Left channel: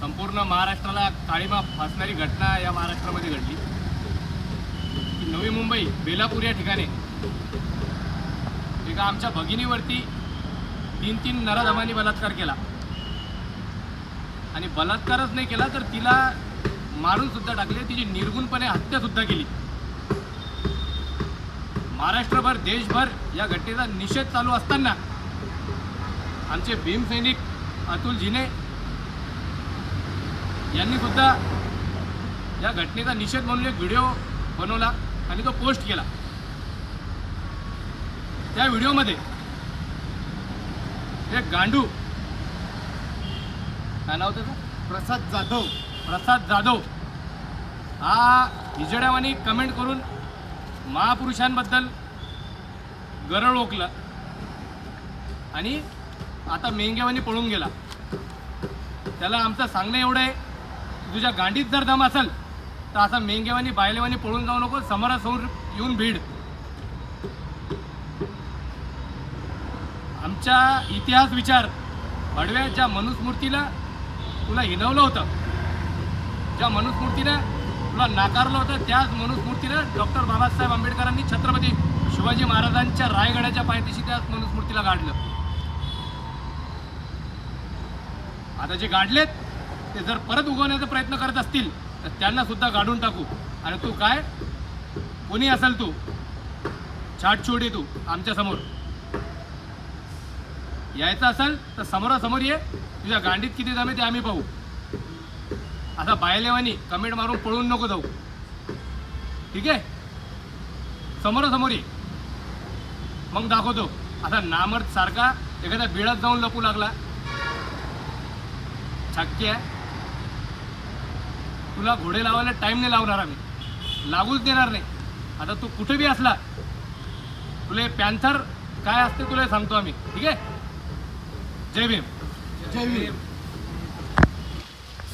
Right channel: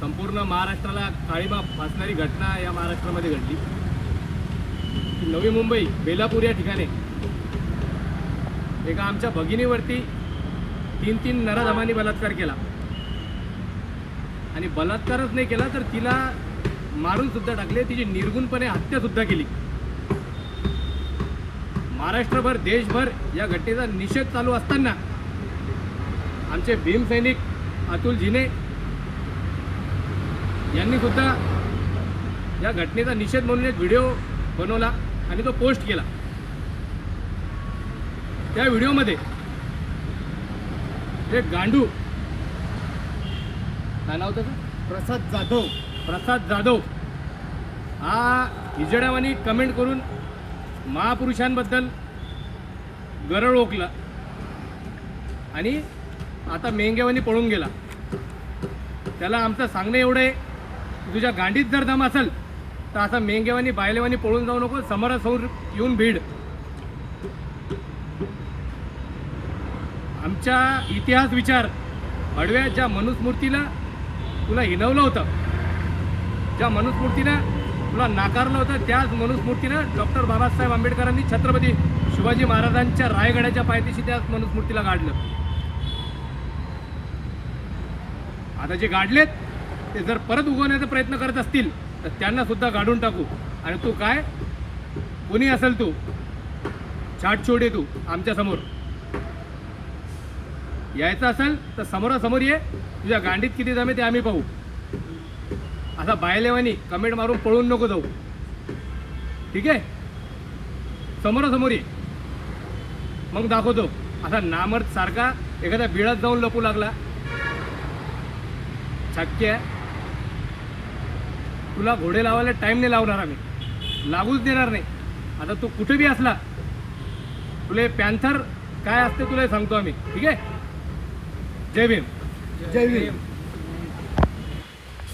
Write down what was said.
संपूर्ण महाराष्ट्राला काळीमा फासणारी घटना या महाराष्ट्रामध्ये घडली. नवी मुंबई बेलापूर या ठिकाणी. एका आमच्या भगिनीवरती तीन तीन नराधमांनी बलात्कार केला. आणि बलात्कारच नाही केला तर तिला मारून सुद्धा टाकले. तिची निर्गुणपणे हत्या सुद्धा केली. महाराष्ट्रभर देशभर या घटनेचा निषेध चालू असताना आमचे भीमसैनिक अतुल जिने यांनी सुद्धा या घटनेचा निषेध म्हणून एक व्हिडिओ बनवला आणि तो पोस्ट केला. त्या व्हिडिओमध्ये एक गांडू. काय नाव त्याचं? प्रसाद जाधव. प्रसाद जाधव. हा हिजड्यावानी कमेंट करून महापुरुषांबद्दल गरळ ओकला आणि आता मेंग्यावानी पळून गेला. त्याला आमचं सांगणं एवढं आहे तुझ्या गांडीत जर दम असेल तर असं मेंगेवानी बायलेवानी पळून जाऊ नको समोरासमोर येऊन भीड. आमच्या इतिहास विचार अडव्या ज्या मनुस्मूर्तीला तुला हिनवलं होतं ज्या मनुस्मूर्तीनं तुला नाकारलं होतं त्याच मनुस्मूर्तीनं डॉक्टर बाबासाहेब आंबेडकरांनी छत्रपती शिवाजी महाराजांच्या रायगडाच्या पायथ्याशी त्याच मनुस्मूर्तीला गाडलं. आता जे गाडलेत ते जर परत उगवण्याचा प्रयत्न करत असतील तर त्यांना सुद्धा गाडून टाकू. आणि तू काय? कुणी असेल तू? छाट छोडे तू आमच्यासमोर. यायचं असेल तर समोरासमोर ये. तुझ्या गांडीत किती जमे ते आम्ही पाहू. आता बायलेवानी कमेंट मारून पळून नको जाऊ. ठीक आहे? समोरासमोर ये. मग दाखवतो. आता नामर्द सारखा एखाद्या बिळात जाऊन लपू लागला. शक्य आहे. तुला घोडे लावायला टाइम नाही लावणार आम्ही. लागूच देणार नाही. आता तू कुठे बी असला तुला पॅन्थर काय असते तुला हे सांगतो आम्ही. ठीक आहे? जय भीम. जय भीम.